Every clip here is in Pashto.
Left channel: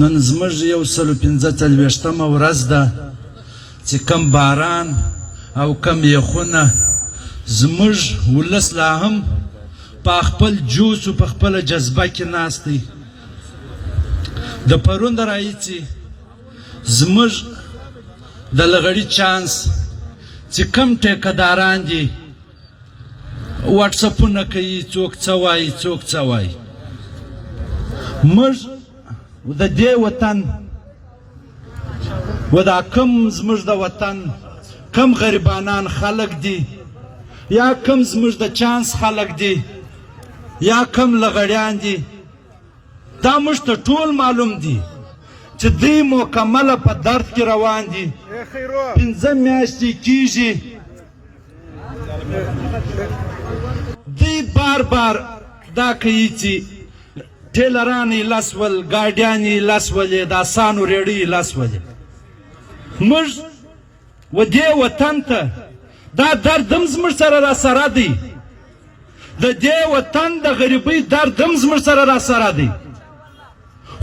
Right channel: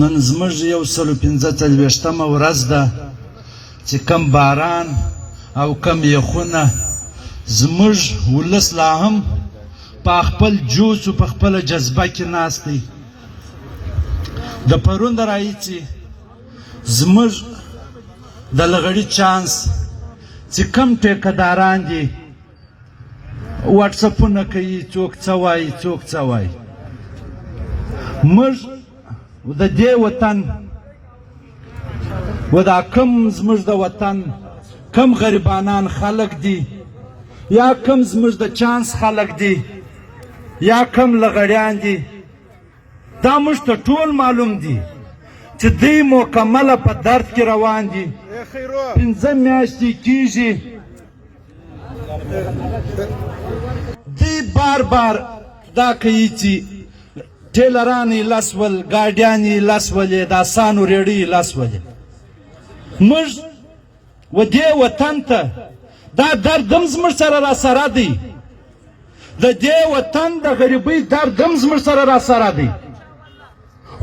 نن زموږ 145مه ورځ ده چې کم باران او کم یخونه زموږ ولس لا هم په خپل جوش او په خپله جذبه کې ناست دی. د پرون د راهیسې زموږ د لغړي چانس چې کم ټیکهداران دي واټساپونه کوي، څوک څه وایي څوک څه وایي. موږ د دې وطن و دا کم زموږ د وطن کم غریبانان خلک دي یا کم زموږ د چانس خلک دي یا کم لغړیان دي، دا موږ ته ټول معلوم دي چې دوی مکمله په درد کې روان دي. 5 میاشتې کېږي دوی بار بار دا کوي چې ټیلران یې لس ول، ګاډیان یې لس ولې، د اسانو ریړۍ یې لس ولې. موږ و دې وطن ته دا درد هم زموږ سره راسره دی، د دې وطن د غریبۍ درد هم زموږ سره راسره دی.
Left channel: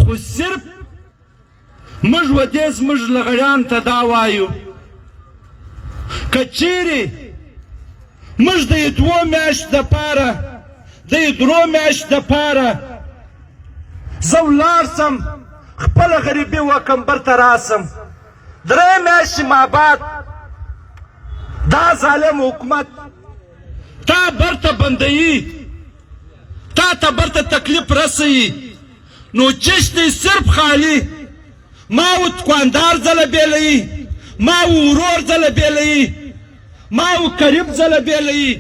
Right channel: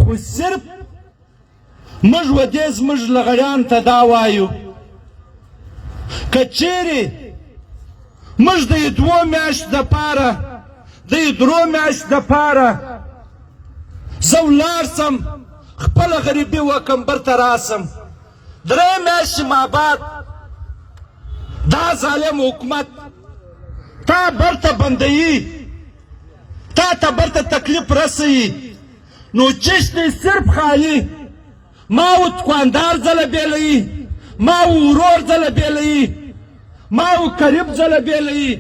خو صرف موږ و دې زموږ لغړیان ته دا وایو که چیرې موږ د 2 میاشتو دپاره د 3 میاشتو دپاره زه ولاړ سم خپله غریبي وکم برته راسم، 3 میاشتې ما بعد دا ظالم حکومت تا برته بندوي، تا ته برته تکلیف رسوي، نو چشت دی صرف خالی ما و دکاندار ځله بیلوي، ما و ورور ځله بیلوي، ما و قریب ځله بیلوي.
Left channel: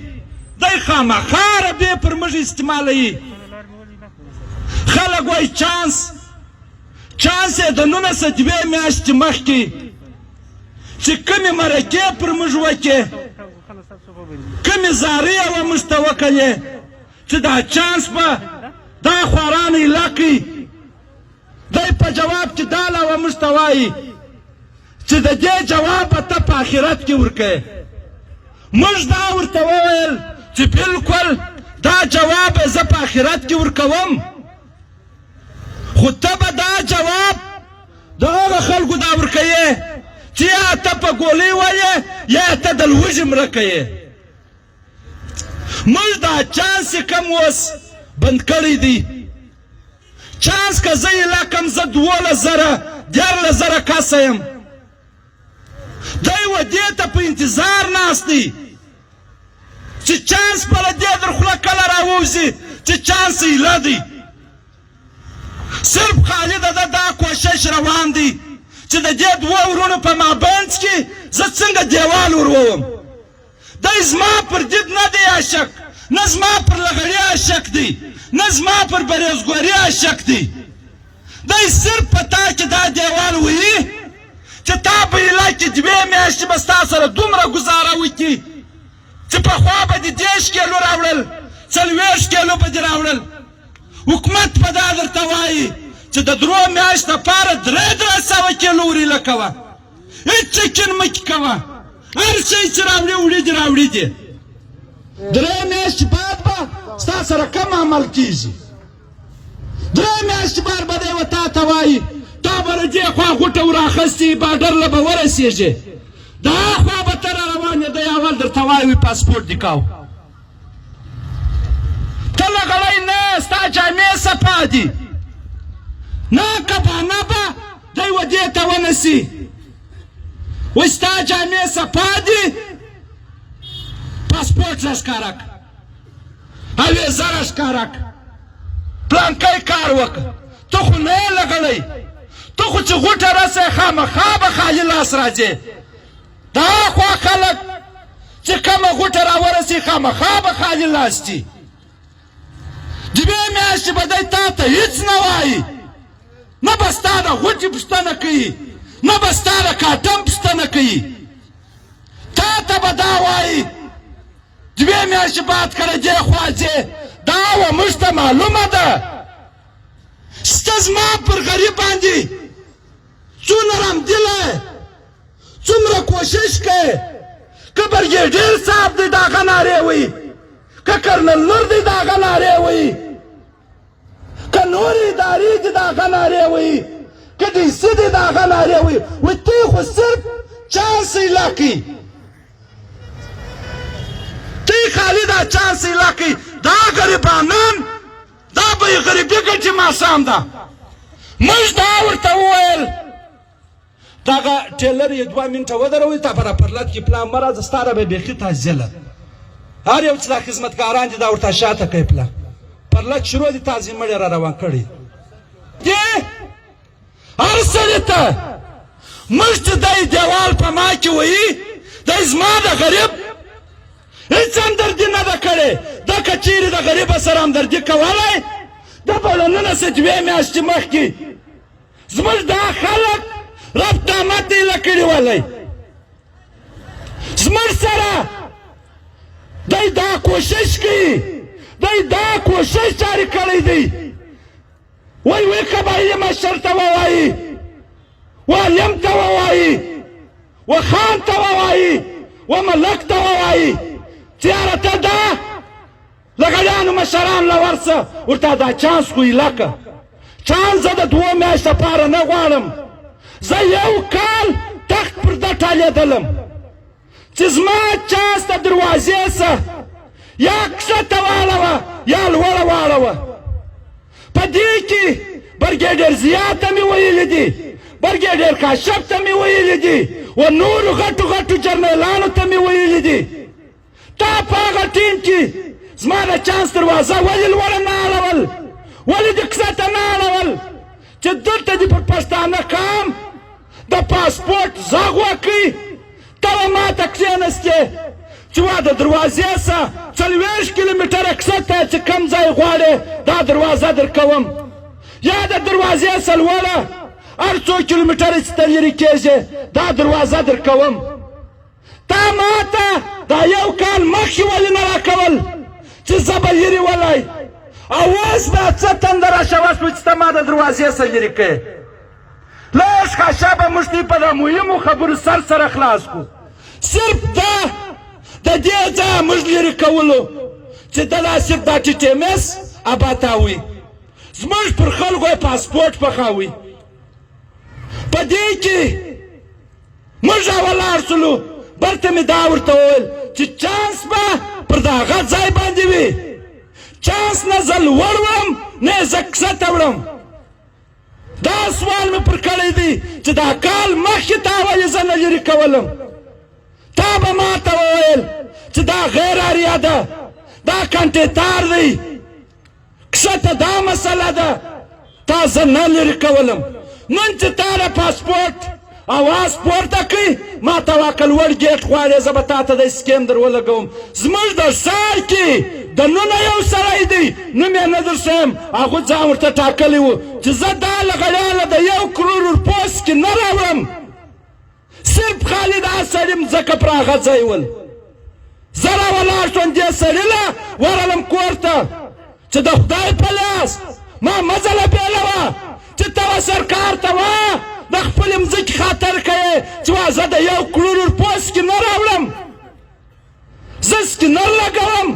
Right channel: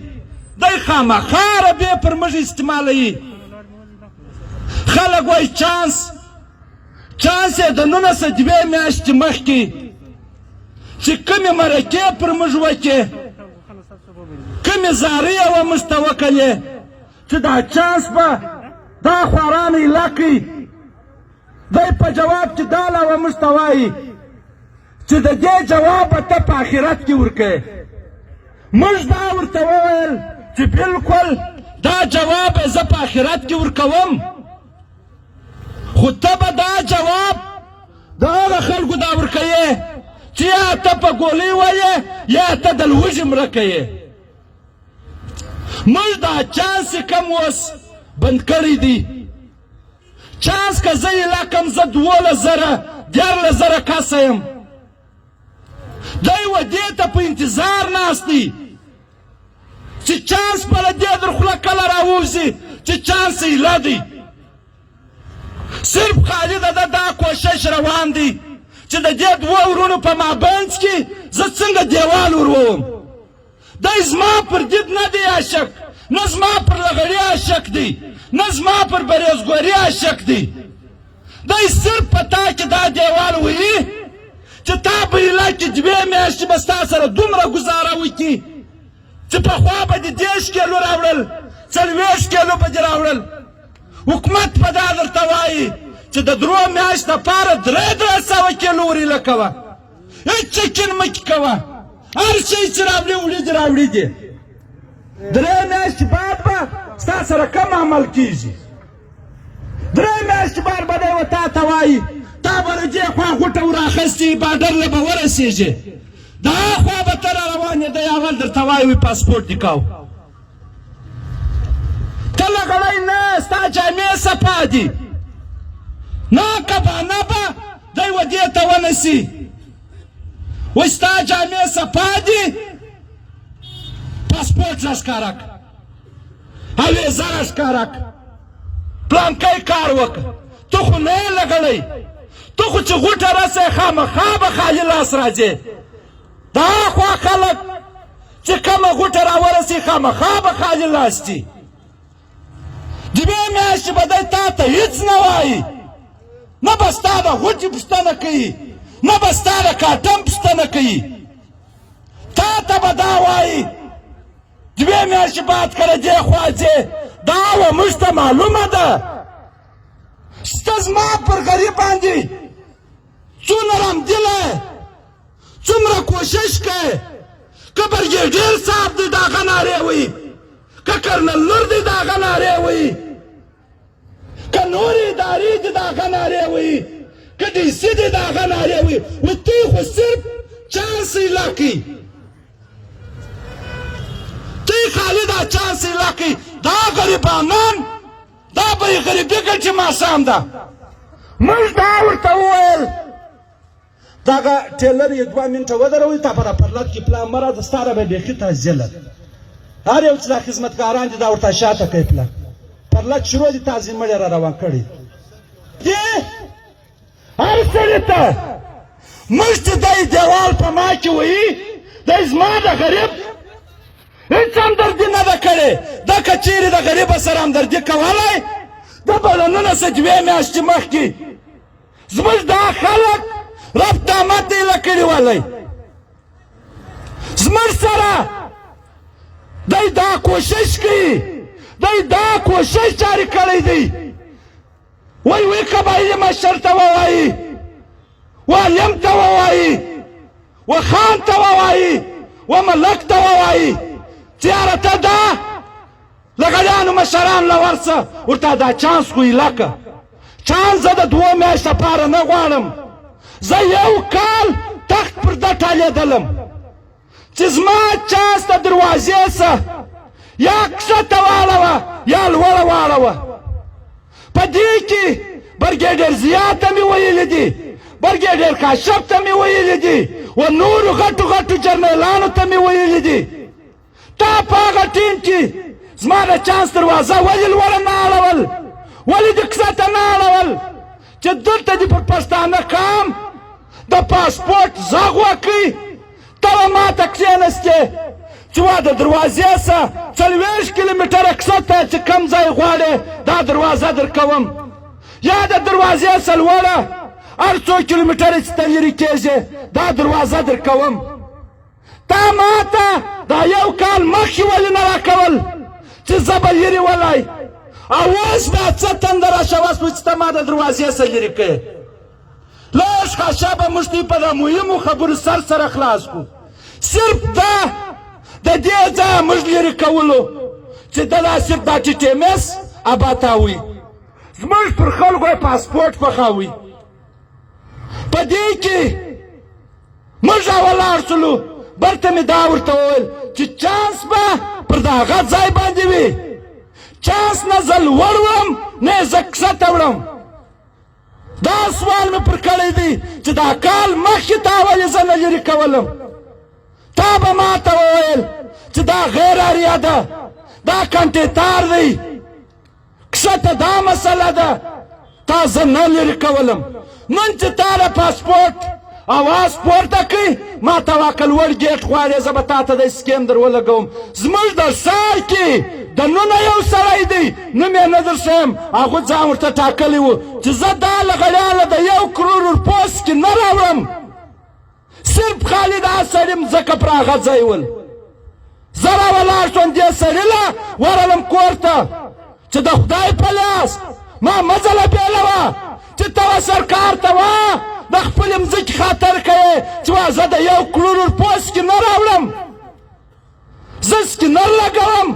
دی خامخا ربې پر موږ استعمالوي. خلک وایي چانس یې د 2 میاشتې مخکې چې کومې مرکې پر موږ وکړې، کومې زارۍ یې موږ ته وکړلې چې دا چانس به دا خواران ایله کړي، دی په جواب کې دا علاوه موږ ته وایي چې د دې جواب به ته په آخرت کې ورکوې. موږ دا ورته وویل چې بلکل دا جواب زه په آخرت کې ورکوم، خو ته به دا جواب د هغو خلکو دا ورکوې چې یا ته په ګولۍ وایې یا ته د لوږې مړه کوې. موږ دا چانس یې کم اوس بند کړی دی. چانس که زه یې لکم زه 12,000 کسه یم، دی و دې ته په انتظار ناست دی چې چانس به له دې در خوله کله راووځي چې چانس ایله دی. صرف خالي د ده دا کوشش روان دی چې د دې 2 ورونو په مابینځ کې زه څنګه دیوال ورووم. دی زما پر دید نه دی عاشق، نه زما پر لغړي عاشق دی، نه زما پر بریزګوري عاشق دی. دی صرف په تا کې دا دیوال وهي چې تا په ایله کې 2 میاشتې به ستا سره دومره ګزاره وکړي چې پخوا به دې 10 کیلو راوړل، 40 کیلو به دې راوړل. حکومت په دا درته وایي چې د 3 میاشتو دپاره 300 کیلو ور ایله کوه، هېڅ چکن مه کې کوه، هر شی چې راوړي وړي دي راوړي دي. 3 میاشتې بعد به ستا سره کم عمل کېږي. 3 میاشتې بعد به دی و تا ته وایي تا به له دې خوا غوټه وراخستې باډر له به ورسېږې، دا خوا به ته را روان یې، دی اول درته وایي پاسپورټ دې کو. ته لغړی نه، ستا جامې صفا دي نه، کبانه به دی و دې ته ونسي وایي ستا جامې صفا دي، پاسپورټ راښکاره کړه، اویزه راښکاره کړه، پلانکی کار وکړه. ته خو نه یې لغړی، ته خو چې غوټه رسئ خامخا به خالي لاس راځې. دا خوا خلک چې کومه غوټه راورسي خامخا به خالي لاس دي. 2 میاشتې به دی تا ته هېڅ نه وایي، نه به ستا د غوټې پوښتنه کوي، نه به ستا د کاټن پوښتنه کوي. تا ته به دا وایي 2 میاشتې بعد که له دې خوا ځې، دا وه موږ ته معلومه ده سته زما پر غریب باندې څونه رمدیلی، څومره کوشش کوې، که برګېډیر صاحب دی د هغه نارې وایي، که کرنل نور دی د هغه نارې وایي، که نورې ادارې دي د هغه نارې وایي، که دې څه دي د هغه نارې وایي ته خو صرف چانس ایله کوي تی خالی دا چانس ایله کوي دا غریبانان دا به یې غریبي ګټي ماښام ده موږ دا ورته وویل دغه ټیلر یې 2 منټه ودروئ تا په راپرلط کې پلان مه راځه ستا را به بیخي تعزیله هر یو چې دا خدمتګاران دي دا ورته شاته کوي پلان پرلط شروع دي تازي مړی را روان کړي دې هر څه دې ته موږ ته دی دیوال په ما کې وایي دی زما د غریب هېڅ همدردي نه ده کړې دا که چیرې د غریبه سره همدردي کولی دا به له 19 میاشتې مخکې زموږ دا خلک رب طامت ایله کړي ولی زموږ سره دی دا کوشش کوي دی دا کوشش جاري کړی دی وی قبایلي مشر ته ووایي والیم ته ووایي وخان ته ووایي وملک ته ووایي چې یاره ته دا له غلیانو مشران له ورسه ورته دا چانس خو ایله که چانس زه د 2 میاشت لپاره نه غواړم زه 1 کال تخت پر ده ټیلېدلم چې زما چانس د دروازې څه یا کښته واړوه یا لوړه واړوه په دې کې برګېډر ضیا ته مې ویلي دي برګېډر کاشف ته مې ویلي دي و نورو غټو غټو جرنیلانو ته مې ویلي دي تا په هغه ټیم کې زما د چانس دروازه ولې لوړه نه اړول ولې دې کښته نه اړول چې دلته دې په پښتانه قام د پاسپورټ غږ وکړي ته ما ته کښېنستې چې وا د دروازې څه 40 کیلومتره کښته چې کوم ځای غواړې دا دروازه درکوم یا د دروازې څه لوړه هر څو کیلومتره چې ته لرې کېږې دا دروازه درکوم تا ما ته دا 1 کال مخکې ولې نه راکول چې زه به لرې ولی او اوس به څه تنده راشه وشوه چې ته ما د دروازې څه لرې کړې لږ ښه به موږ دې په د مهمو خبرو سره خلاص کړو صرف دا د دې ځایه موږ لرې کولو چې دغه صرف دا TTMS اباتاوي زموږ پر خلکو یې پاسپورټ پخوي په دې کې موږ راولاړ شولو بلته مې دا ورته وویل چې چانس به پر دغه ځای باندې وي چانس نه زه لوړ وم نه یې زه کښته وړم دا سوال مې پر کړی دی چې دا کال مخکې تا ولې زه نه لرې کولم تا به ما ته وویل چې دا غیر اړیا ده دا کمپیوټر دی کښته دا مسله ده تا زه نه لرې کولم نن چې تا له پاسپورټ اواز پورته کړي ما ته واکه لوړ ګیټ غواړې زه به تا ته د سکیم در ولګوم زموږ د ښار کې دننه یو سړی دی نوم یې نه درښیم هغه ځان ورته ټاکلی و چې زه دا له غلیانه د 1 کروڑ روپوس کې نه راوړم صرف خالي دا سړي مځکه پر هغه ځای ول زه راولاړ شوم دې سړي له ورغلم کور ته چې د خدای په لاس ما مزله بېلوه چې ته سرکار ته وایه د خپلې مځکې خاطر کوې چې زه د 1 کروڑ روپوس کې نه راوړم زه سکینر لګوم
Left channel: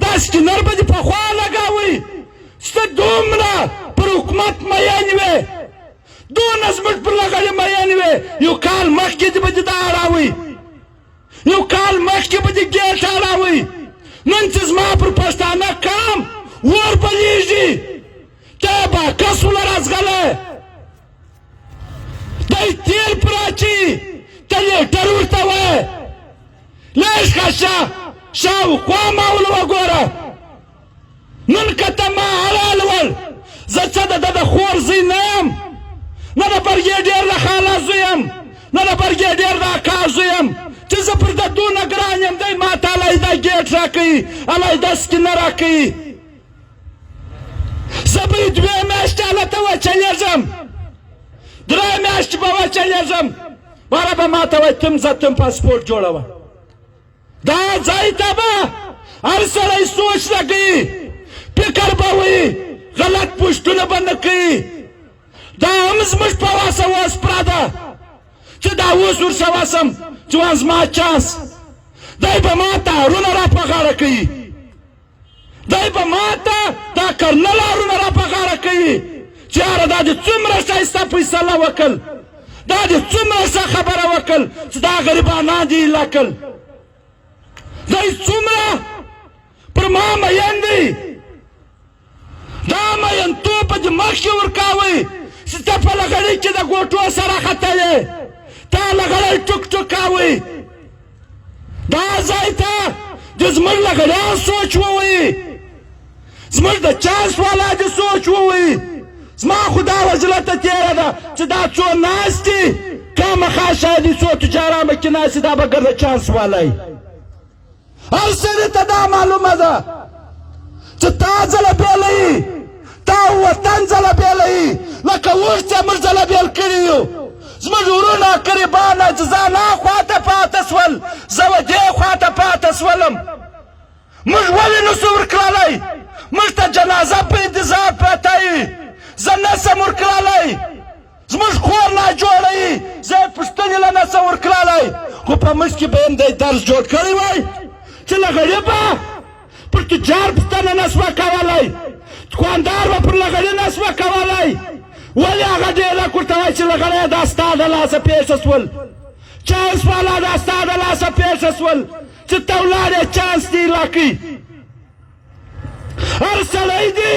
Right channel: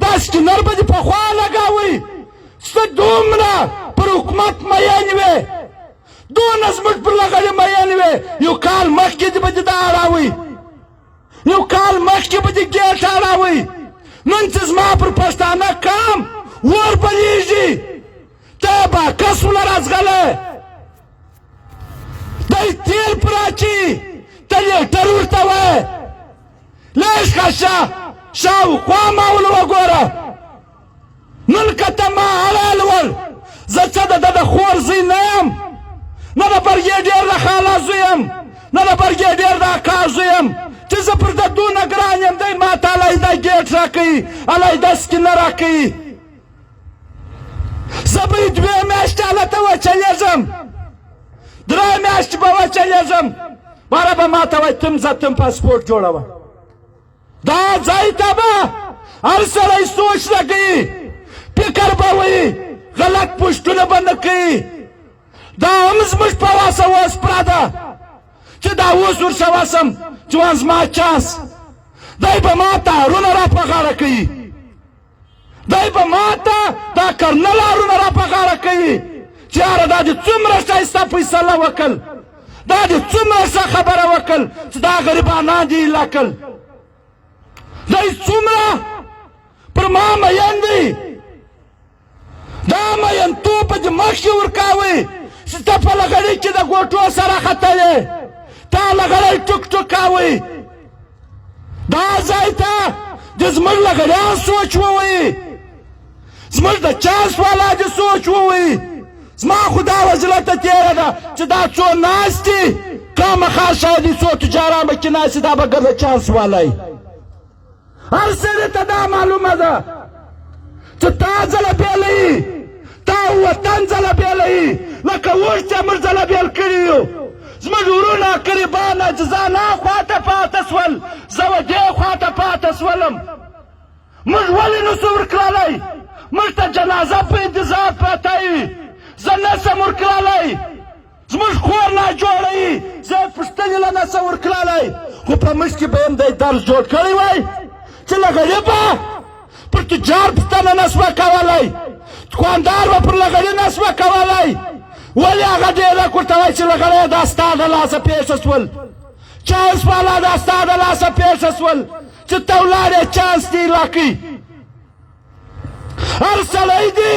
دا سکینر به دې پخوا لګوئ چې ته دومره پر حکومت مین وې دونه زموږ پر لغلې مین وې 1 کال مخکې دې به دې دا اړوئ 1 کال مخکې به دې ګیټ اړوئ نن چې زما پر پښتانه قام ور بلیږي ته به کس ونه راځغلی دی تیل پر اچي ته لیټر ورته وایې لږ ښه شاوخوا ما ول وګوره نن که ته ما حلال ول زه څه د ده د خور زوی نه یم نه د برګېډیر د خاله زوی یم نه د برګېډیر د اکا زوی یم چې زه پر ده دونه ګران یم دی ما ته علیحده ګیټ راکوي علیحده سکینه راکوي زه به یې 2 میاشتې هلته وچلېږم 3 میاشتې به وچلېږم باره به ما ته وایي تم ځه تم پاسپورټ جوړوه دا ځای ته به هر سړی سوچ لګوي فکر به وایي غلط پوښتنه به نه کوي دا هم زموږ په واسه اوس پرده چې دا اوس ورسه وسم چې اوس زما چانس دی به ما ته هارونه را په غاړه کوي دی به ما ته دا کرنل هارونه را په غاړه کوي چې یاره دا دې څومره ښایسته فیصله وکړ، دا دې څومره ښه خبره وکړ چې دا غریبانان دې ایله کړل، دی څومره پر ما مین دی، دا مینتوب به دې مخکې ورکاوئ چې ته په لغړۍ کې د ګوټو سره ختلې، تا لغړۍ ټوک ټوک کاوئ، دا ځای ته د زموږ لغړیان سوچ ووایي، زموږ د چانس والا دې سوچ ووایي. زما خو دا وجله ته تېره ده چې دا څو ناست دي خامخا شاید څو تجاران به کې ناست دي، دا به ګرده چانس والی. هر سړي ته دا معلومه ده چې تا ځله بیله یي، تا وطن ځله بیله یي، لکه اوس چې موږ ځله بیل کړي یو. زموږ ورونه قریبانه چې زه نه خواته پاته شول، زه به دې خواته پاته شولم. موږ ولې نسو ورکړلی؟ موږ ته جنازه په انتظار پرته یي، زه نسم ورکړلی، زموږ کور ناجوړه یي، زه یې پوښتنې له نسم ورکړلی. خو په موږ کې به یم دی درس جوړ کړی وای چې له غریبه پر تجار پوښتنه نسوه کولی، دوکاندار به پر لغړي نسوه کولی. ولې هغه ډېرک ورته وایي چې لغړی دا ستا د لاسه پېښه شول، چانس والا دا ستا د لاسه پېښه شول چې ته ولاړې چانس دې ایله کړي. هر سړی دې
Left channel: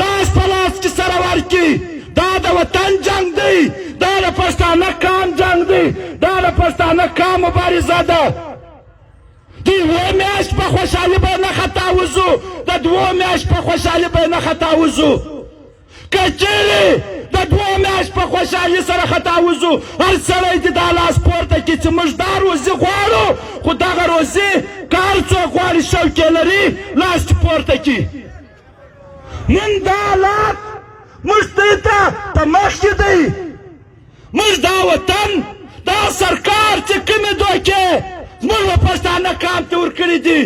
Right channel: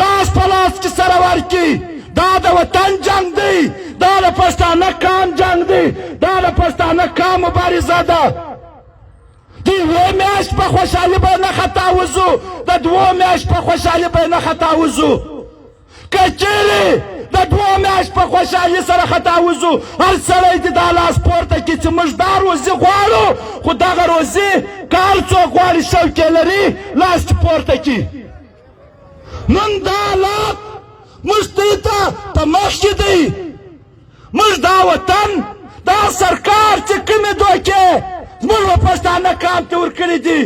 لاس په لاس کې سره ورکړي. دا د وطن جنګ دی، دا د پښتانه قام جنګ دی، دا د پښتانه قام مبارزه ده. د یوې میاشت په خوشحالي به نه خطا وځو، د دوو میاشت په خوشحالي به نه خطا وځو. که چیرې د دوو میاشت په خوشحالي سره خطا وځو، هر سړی دې دا لاس پورته کړي چې موږ دا روزي غواړو، خو دغه روزي که هر څوک غواړي شوق یې لري لاس دې پورته کړي. نن دا حالات موږ ته په مخ کې دی. موږ دا وطن دا سرکار چې کومې دوکې زموږ پښتانه قام ته ورکړي دي،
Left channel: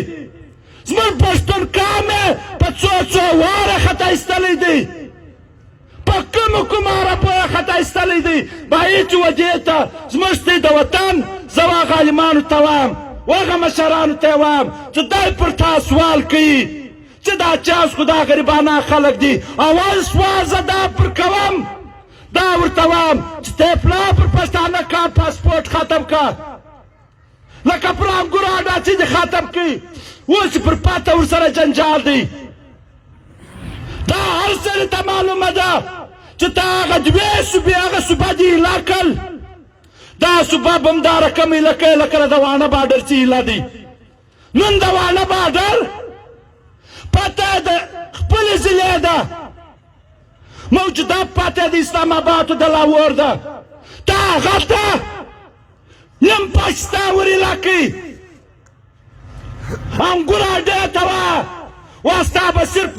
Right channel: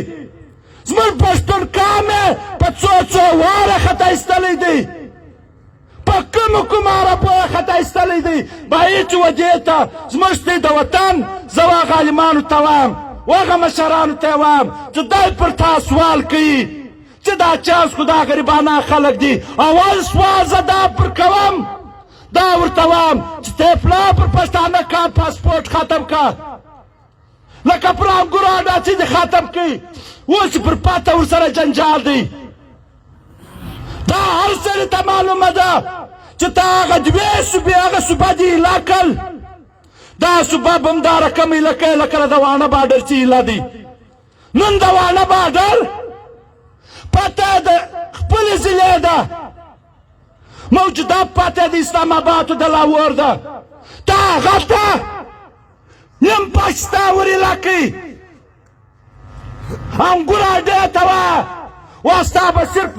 زموږ پښتون قام یې په څو واره خطا ایستلی دی، په کومه عربو یې خطا ایستلی دی. باید چې ودې ته زموږ دی د وطن، زه هغه عالمانو ته وایم، هغه مشرانو ته وایم چې دوی پر تا سوال کوي چې دا چانس خو دا غریبانه خلک دي. اول سوال زه دا پر کوم، دا ورته وایم چې ته پلار پر پښتانه قام پاسپورټ ختم که، لکه پر انګورو اډاچې دې ختم کړي، اوس پر پاته ورسره جنجال دی. دا هر سړي ته معلومه ده چې تا هغه دوې صوبې هغه صوبه دې ایله کړل، دا صوبه به همدا رقم ایله کوي لکه د وانه باډر چې ایله دی. نن د وانه باډر پته د خپلې ضلع ده، موجوده پته د اسلام آباد د لاهور ده، تا هغه ته نیم پسته ور ایله کړي، انګور اډې ته وه، وستا به صرف